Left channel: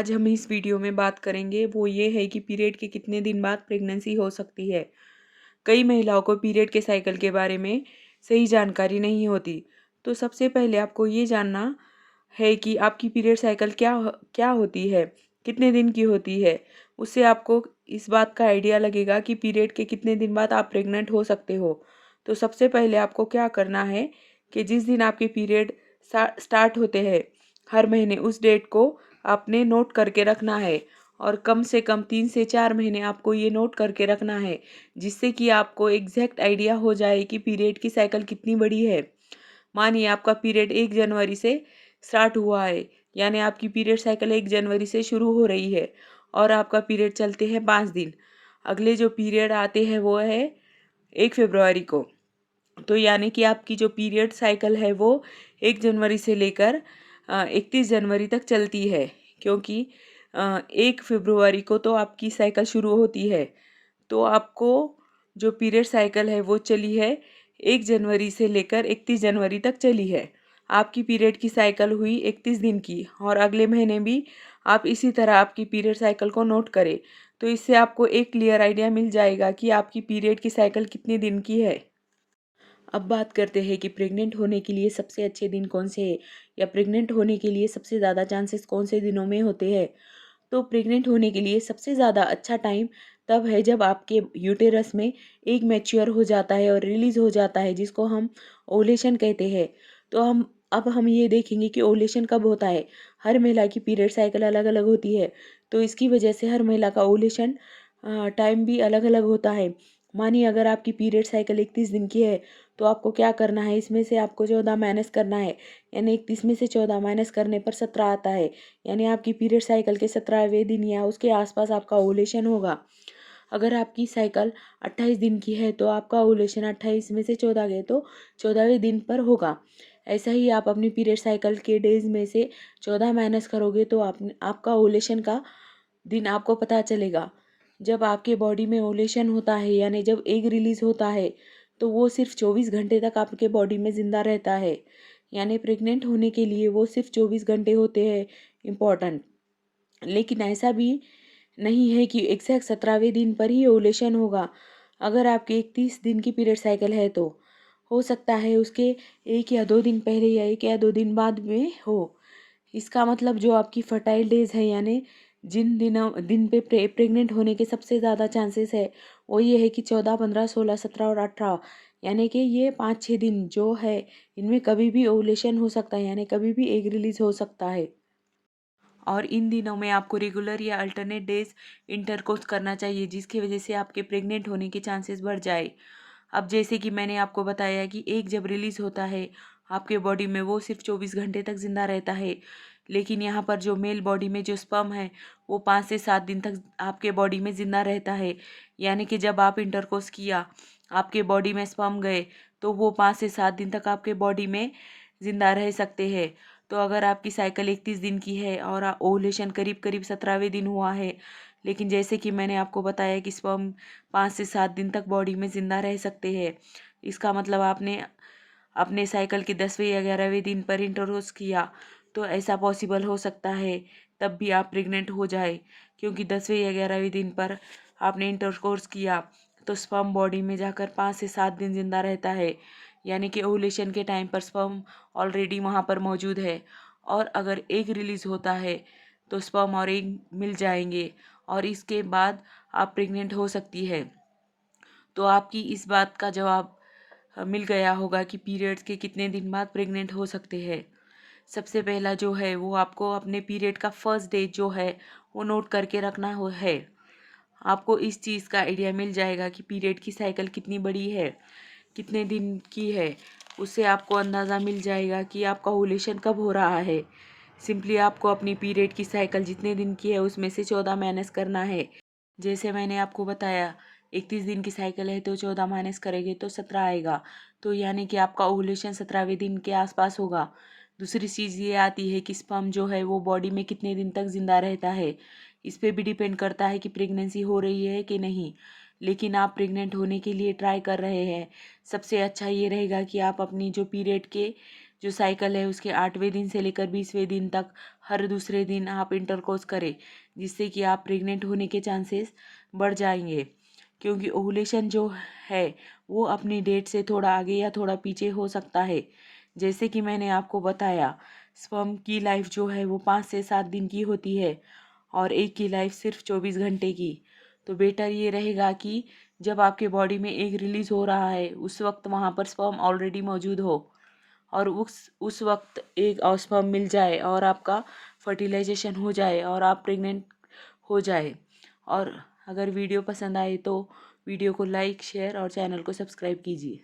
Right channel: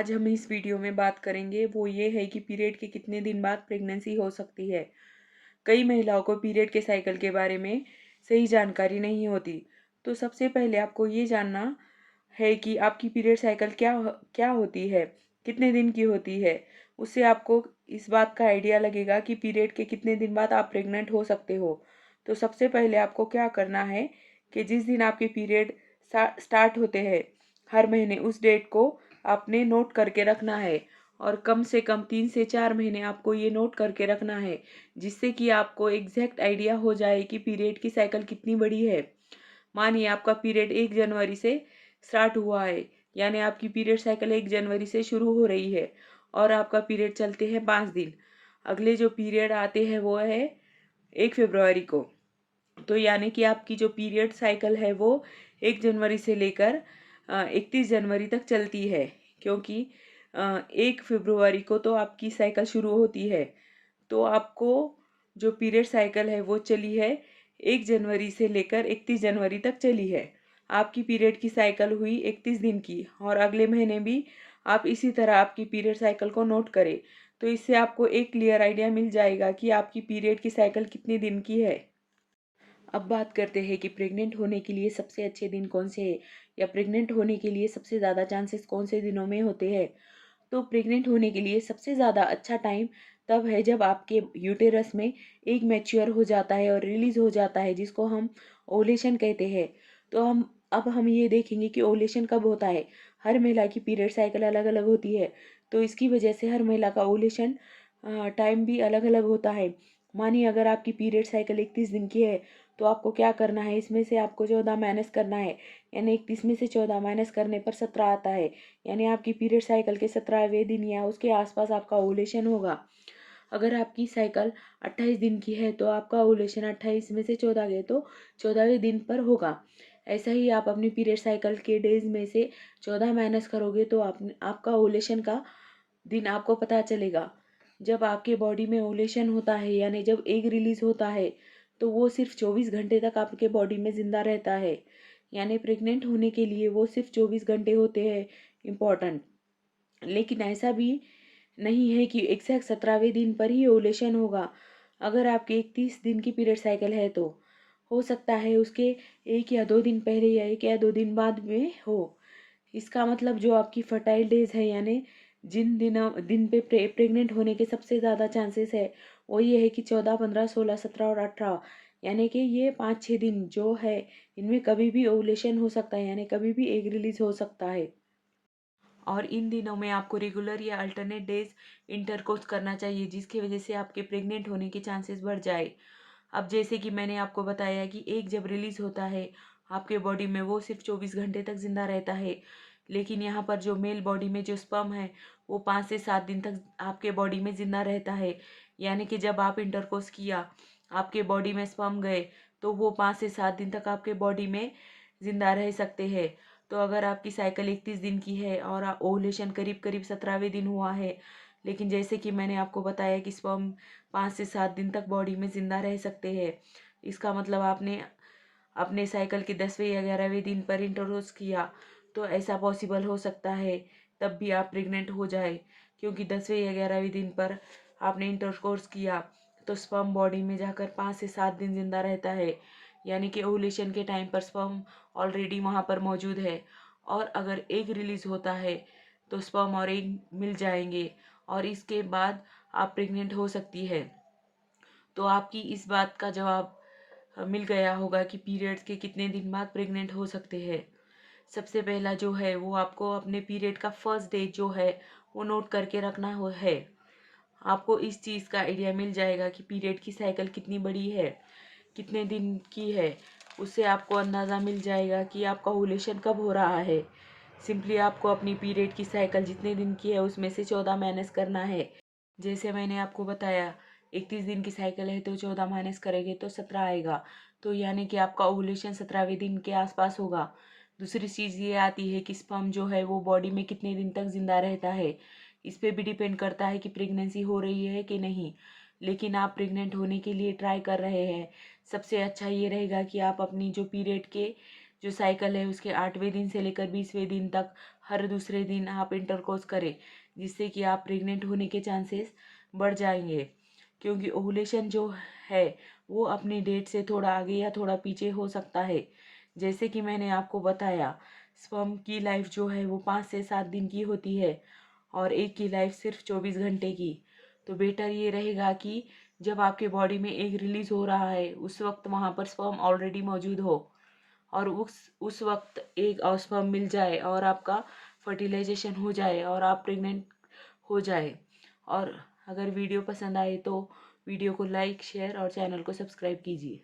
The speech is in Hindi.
आज हम इस वीडियो में बात करेंगे वो ये है कि पीरियड के कितने दिन बाद प्रेगनेंसी हो सकती है। कई महिलाओं को पीरियड के साइकिल के बारे में सही जानकारी नहीं होती। तो सबसे पहले आपको ये जानना है कि आपकी पीरियड साइकिल क्या होती है, कितने दिन की होती है। उससे आपको इस बात का आइडिया लगेगा कि पीरियड के कितने दिन बाद आप प्रेग्नेंट हो सकते हो। तो सबसे पहले आपको क्या करना है कि जिस दिन आपके पीरियड स्टार्ट होते हैं हर महीने, उस डेट को आपने नोट करके रखना है। और कम से कम 3 से 4 महीने आपको ये नोट करके रखना है, जिससे कि आपको एग्जैक्ट आइडिया हो जाए कि पीरियड की साइकिल कितनी बड़ी है। मानिए आपका पीरियड 1 जनवरी से स्टार्ट हुआ है, यानी आपकी पीरियड साइकिल 1 जनवरी से शुरू हो रही है और आपका पीरियड चलते हैं 5 दिन। अगले जो पीरियड आते हैं वो है 1 फरवरी को। तो यानी कि आपकी जो पीरियड साइकिल है वो 1 जनवरी से लेकर 31 जनवरी तक चलती है, क्योंकि 1 फरवरी को तो आपकी साइकिल शुरू होती है। तो आपको जो पीरियड साइकिल है वो चली है 1 जनवरी से लेकर 31 जनवरी तक चली है। आपकी पीरियड की साइकिल हुई 31 दिन की, और अगले महीने भी आप इसी तरह आपकी पीरियड साइकिल को नोट करें। तो इससे आपको एक क्लियर आइडिया मिल जाएगा कि आपकी पीरियड की साइकिल कितने दिन की है। अब बात करते हैं कि प्रेग्नेंट होने के लिए सबसे अच्छे दिन कौन से हैं, या प्रेग्नेंट होने के लिए सबसे ज़्यादा चांसेस कौन से दिनों में होते हैं। तो प्रेग्नेंट होने के लिए सबसे ज़्यादा अच्छा टाइम तब है जब आपके यूटेरस में एग मैच्योर हो जाता है और रिलीज़ हो जाता है, जिसको हम ओवुलेशन कहते हैं। तो हम ये देखेंगे कि ओवुलेशन कब होता है। हर महिला की पीरियड साइकिल अलग अलग होती है, तो इसकी वजह से हर महिला का ओवुलेशन टाइम भी अलग अलग होता है। मानिए अगर आपकी पीरियड साइकिल 31 दिन की है, तो आपको क्या करना है, इसमें से आपको 14 माइनस करना है। यानी 31 में से 14 माइनस करने पर 17 आता है। यानी आपकी पीरियड साइकिल के 17वें दिन या उसके आसपास आपका ओवुलेशन होगा। अगर आपकी साइकिल 28 दिन की है, तो आपका ओवुलेशन 28 में से 14 गए तो 14वें दिन पर होगा। ऐसा ही आप अपनी पीरियड साइकिल के डेज में से 14 माइनस करोगे तो आपका ओवुलेशन का दिन आपको पता चलेगा। जब आपके बॉडी में ओवुलेशन होता है, यानी जब एग रिलीज होता है, तो वो सिर्फ 24 घंटे तक आपके बॉडी में ज़िंदा रहता है। यानी प्रेग्नेंट होने के लिए वो सिर्फ 24 घंटे होते हैं इम्पॉर्टेंट। लेकिन ऐसा भी नहीं है कि एग्जैक्ट 17वें दिन पर ही ओवुलेशन होगा। अगर आपकी 31 दिन की पीरियड साइकिल है, तो हो सकता है उसके 1 या 2 दिन पहले या 1 या 2 दिन बाद में हो। इसका मतलब जो आपकी फर्टाइल डेज है, यानी जिन दिन पे प्रेग्नेंट होने के सबसे ज़्यादा चांसेस है, वो ये है कि 14, 15, 16, 17 और 18। यानी कि ये 5-6 दिन जो है, इनमें कभी भी ओवुलेशन हो सकता है, यानी कभी भी एग रिलीज हो सकता है। और इन दिनों में आपको रेगुलर या अल्टरनेट डेज इंटरकोर्स करना चाहिए, जिसकी वजह से आपके प्रेग्नेंट होने के चांसेस बढ़ जाए। अब जैसे कि मैंने आपको बताया कि एक जब रिलीज़ होता है आपके बॉडी में, वो सिर्फ 24 घंटे तक ज़िंदा रहता है। लेकिन यहाँ पर जो मेल बॉडी में जो स्पर्म है, वो 5 से 7 दिन तक आपके बॉडी में ज़िंदा रहता है। यानी कि जब आप इंटरकोर्स किया, आपके बॉडी में स्पर्म गए, तो वो 5 से 7 दिन तक आपके बॉडी में ज़िंदा रह सकते हैं। तो अगर आपकी साइकिल 31 दिन की है और ओवुलेशन करीब करीब 17वें दिन हुआ है, लेकिन जैसे कि मैंने आपको बताया कि स्पर्म 5 से 7 दिन तक बॉडी में ज़िंदा रह सकते हैं, इसका मतलब आपने अपने साइकिल के 10वें या 11वें दिन पर इंटरकोर्स किया, तो ऐसा पॉसिबल हो सकता है तब भी आप प्रेग्नेंट हो जाए। क्योंकि 10वें या 11वें दिन पर आपने इंटरकोर्स किया, तो स्पर्म बॉडी में जाकर 5 से 7 दिन जिंदा रहता है। यानी कि ओवुलेशन के टाइम पर स्पर्म ऑलरेडी वहाँ पर मौजूद है। और अगर एग रिलीज होता है, तो स्पर्म और एग मिल जाएंगे, और इसके बाद आप प्रेग्नेंट हो सकती है। तो आपकी इस बात का जवाब मिल गया होगा कि पीरियड्स के कितने दिन बाद प्रेग्नेंट हो सकते हैं। सबसे पहला जो है वो आपको अपने पीरियड का फर्स्ट डे जो है वो नोट करके रखना हो है। आपको इस चीज़ का आइडिया मिल जाएगा कि पीरियड की साइकिल कितनी बड़ी है, कितने दिन की है। उससे आपको अंदाज़ा मिल जाएगा कि आपका ओवुलेशन कब हो रहा है। सिंपली आपको अपनी पीरियड की साइकिल जितने दिन की है उसमें से 14 माइनस करना है। जैसे मैंने आपको बताया, 31 दिन की साइकिल है तो 14 माइनस करेंगे तो 17 आएगा। तो यानी कि आपका ओवुलेशन 17वें दिन के आसपास होगा। दूसरी चीज़ ये आती है कि स्पर्म जो है वो बॉडी में कितने दिन तक ज़िंदा रहता है। इस पे भी डिपेंड करता है कि प्रेगनेंसी हो रही है कि नहीं। लेकिन आप प्रेग्नेंट होने के लिए ट्राई कर रहे हैं, सबसे अच्छा ये रहेगा कि आप अपनी जो पीरियड के जो साइकिल है उसके 8वें दिन से लेकर 20वें दिन तक हर दूसरे दिन आप इंटरकोर्स करें, जिससे कि आप प्रेग्नेंट होने के चांसेस बढ़ जाएंगे। क्योंकि ओवुलेशन जो है वो अपनी डेट से थोड़ा आगे या थोड़ा पीछे हो सकता है। जैसे कि मैंने आपको बताया, स्पर्म की लाइफ जो है वो 5 से 7 दिन की होती है और एक की लाइफ सिर्फ 24 घंटे की। तो बेटर ये रहेगा कि जब आपके बॉडी में एग रिलीज हो रहा है उस वक्त वहाँ पर स्पर्म ऑलरेडी मौजूद हो और उस वक्त एग और स्पर्म मिल जाए और आपका फर्टिलाइजेशन हो जाए और आप प्रेग्नेंट हो जाए। और अगर वीडियो पसंद आए तो वीडियो को लाइक, शेयर और चैनल को सब्सक्राइब कीजिए।